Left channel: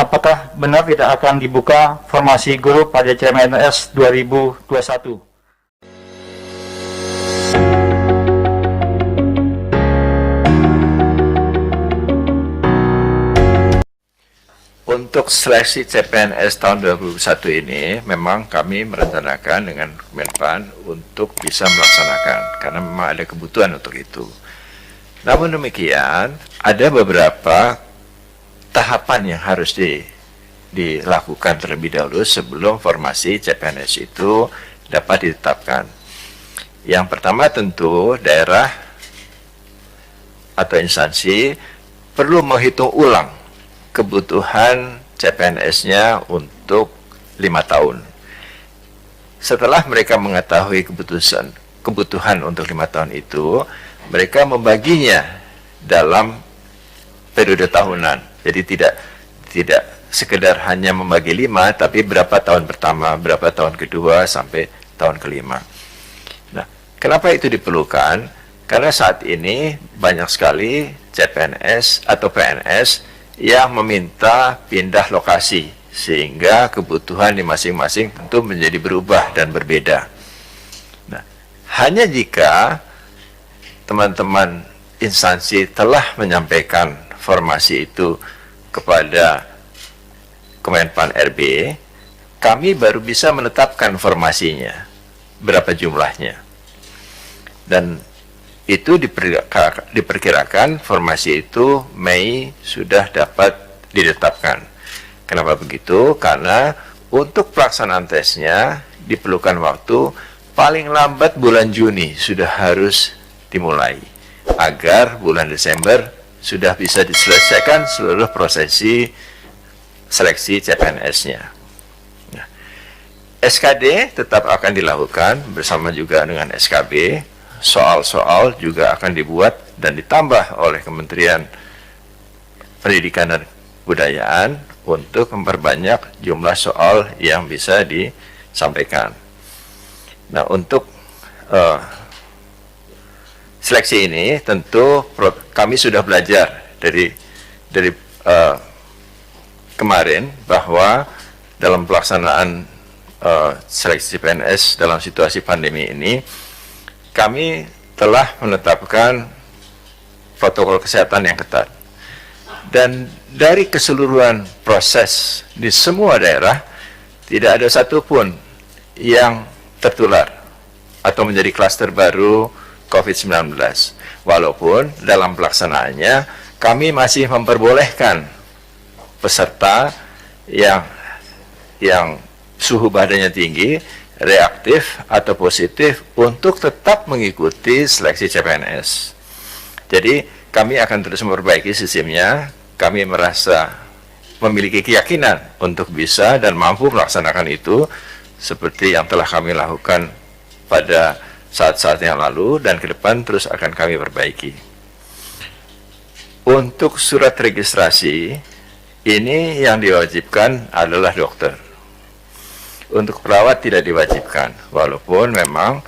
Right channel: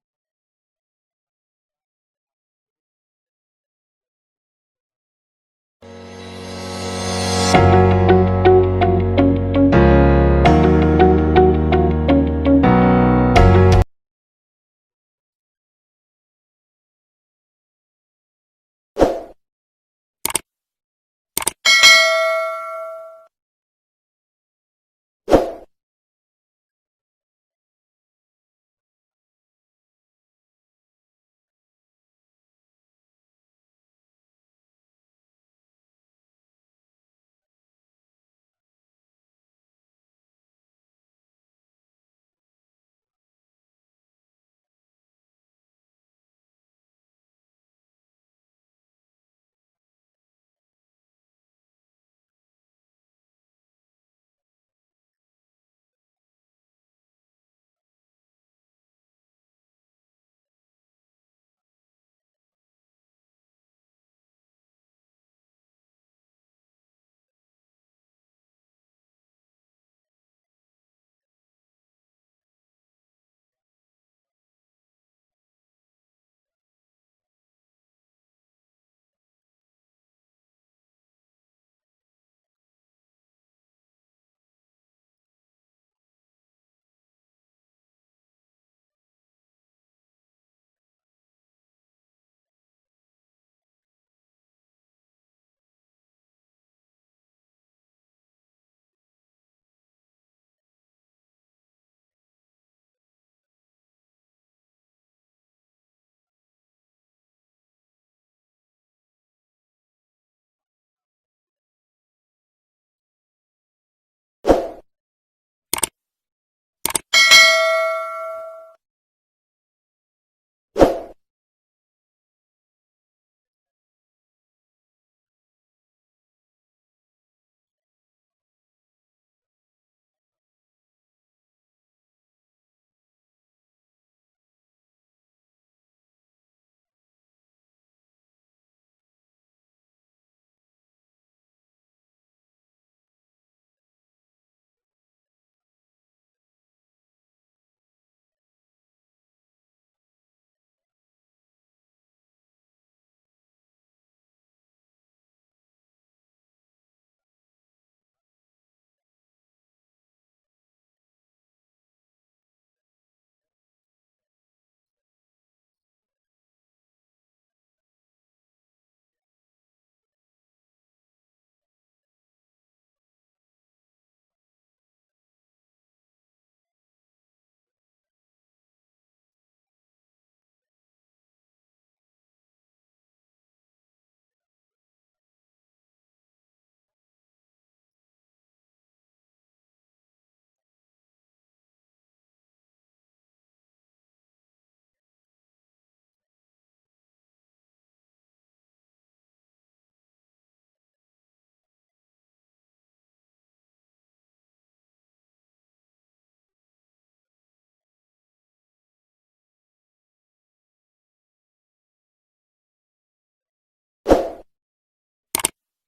apakah benar tidak akan dibuka formasi guru pada CPNS 2021? Untuk seleksi CPNS tahun 2021 ini, memang kami merencanakan dengan Menpan untuk bisa melaksanakan, karena memang ada kebutuhan untuk itu. Namun demikian, ada beberapa tahapan yang harus dilakukan terlebih dahulu sebelum formasi CPNS itu dapat ditetapkan. Yang pertama tentu daerah atau instansi perlu menghitung ulang kebutuhan CPNS-nya untuk 5 tahun. Setelah mereka mengetahui kebutuhan untuk 5 tahun itu, mereka membaginya dalam periode tahunan. Jadi tidak sekedar hanya membagi 5, tapi berapa tahun pertama, berapa tahun kedua, sampai tahun kelima. Nah, kenapa itu diperlukan? Karena saat ini banyak sekali CPNS atau PNS yang meminta pindah lokasi, sehingga kebutuhan di masing-masing tentu menjadi berubah dan berbeda. Nah, hanya jika teman-teman instansi telah menyampaikan formasi itu kepada Kemenpan RB, kami baru bisa menetapkan formasinya, berapa jumlahnya. Dan itu diperkirakan formasi itu Mei sudah dapat ditetapkan. Kenapa begitu? Karena untuk pelaksanaan tesnya diperlukan waktu paling lambat bulan Juni sudah harus dimulai, agar bulan Desember sudah bisa diselesaikan seluruh prosesi seleksi CPNS-nya. Nah, SKD tetap akan dilakukan bersama juga dengan SKB. Soal-soal juga akan dibuat dan ditambah oleh Kementerian Pendidikan dan Kebudayaan untuk memperbanyak jumlah soal yang bisa disampaikan. Nah, untuk seleksi ini tentu kami sudah belajar dari kemarin bahwa dalam pelaksanaan seleksi PNS dalam situasi pandemi ini, kami telah menetapkan protokol kesehatan yang ketat. Dan dari keseluruhan proses di semua daerah, tidak ada satupun yang tertular atau menjadi klaster baru COVID-19. Walaupun dalam pelaksanaannya, kami masih memperbolehkan peserta yang suhu badannya tinggi, reaktif atau positif untuk tetap mengikuti seleksi CPNS. Jadi kami akan terus memperbaiki sistemnya. Kami merasa memiliki keyakinan untuk bisa dan mampu melaksanakan itu seperti yang telah kami lakukan pada saat-saat yang lalu, dan ke depan terus akan kami perbaiki. Untuk surat registrasi, ini yang diwajibkan adalah dokter. Untuk perawat tidak diwajibkan, walaupun memang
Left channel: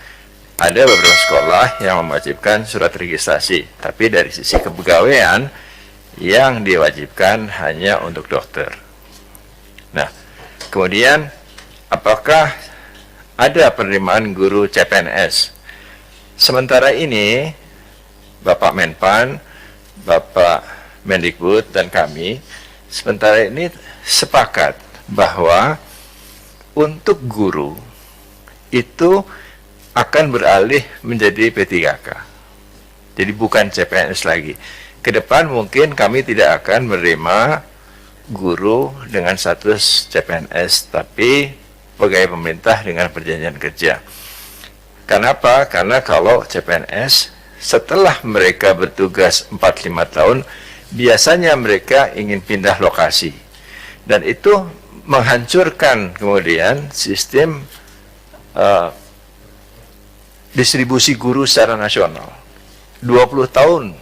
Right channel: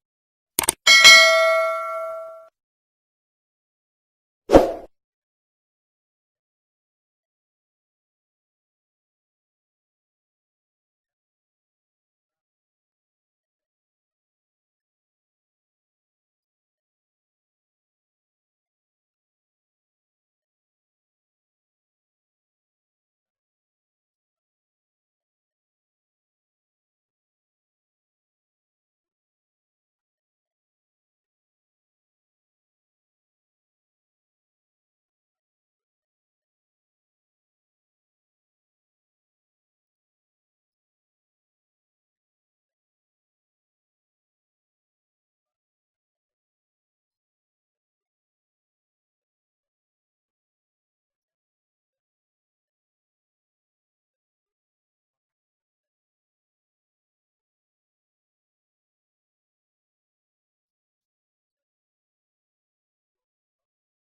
ada beberapa sekolah yang mewajibkan surat registrasi, tapi dari sisi kepegawaian yang diwajibkan hanya untuk dokter. Nah, kemudian apakah ada penerimaan guru CPNS? Sementara ini Bapak Menpan, Bapak Mendikbud, dan kami sementara ini sepakat bahwa untuk guru itu akan beralih menjadi P3K. Jadi bukan CPNS lagi. Ke depan mungkin kami tidak akan menerima guru dengan status CPNS, tapi pegawai pemerintah dengan perjanjian kerja. Kenapa? Karena kalau CPNS, setelah mereka bertugas 4-5 tahun, biasanya mereka ingin pindah lokasi. Dan itu menghancurkan kemudian sistem distribusi guru secara nasional. 20 tahun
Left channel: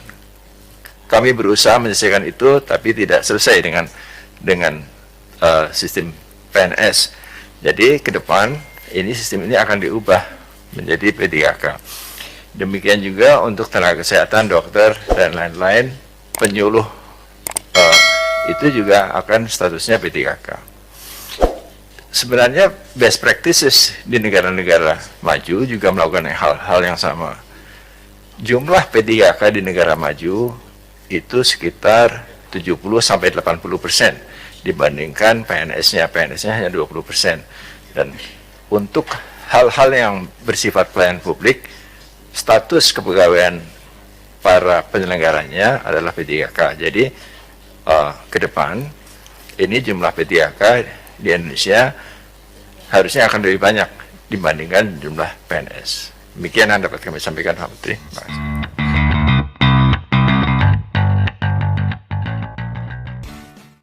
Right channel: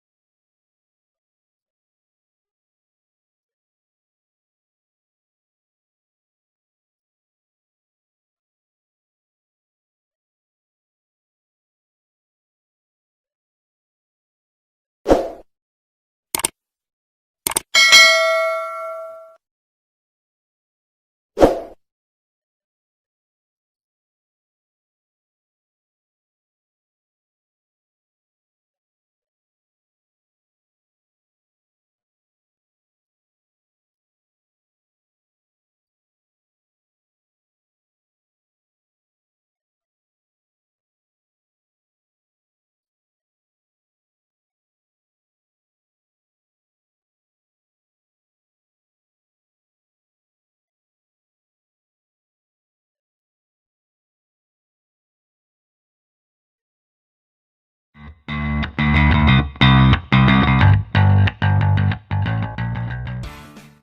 kami berusaha menyelesaikan itu, tapi tidak selesai dengan sistem PNS. Jadi ke depan sistem ini akan diubah menjadi P3K. Demikian juga untuk tenaga kesehatan, dokter, dan lain-lain, penyuluh itu juga akan statusnya P3K. Sebenarnya best practices di negara-negara maju juga melakukan hal-hal yang sama. Jumlah P3K di negara maju itu sekitar 70-80% dibandingkan PNS-nya. PNS-nya hanya 20%. Dan untuk hal-hal yang bersifat pelayanan publik, status kepegawaian para penyelenggaranya adalah P3K. Jadi ke depan ini jumlah P3K di Indonesia harusnya akan lebih banyak dibandingkan jumlah PNS. Demikian yang dapat kami sampaikan, Pak Menteri.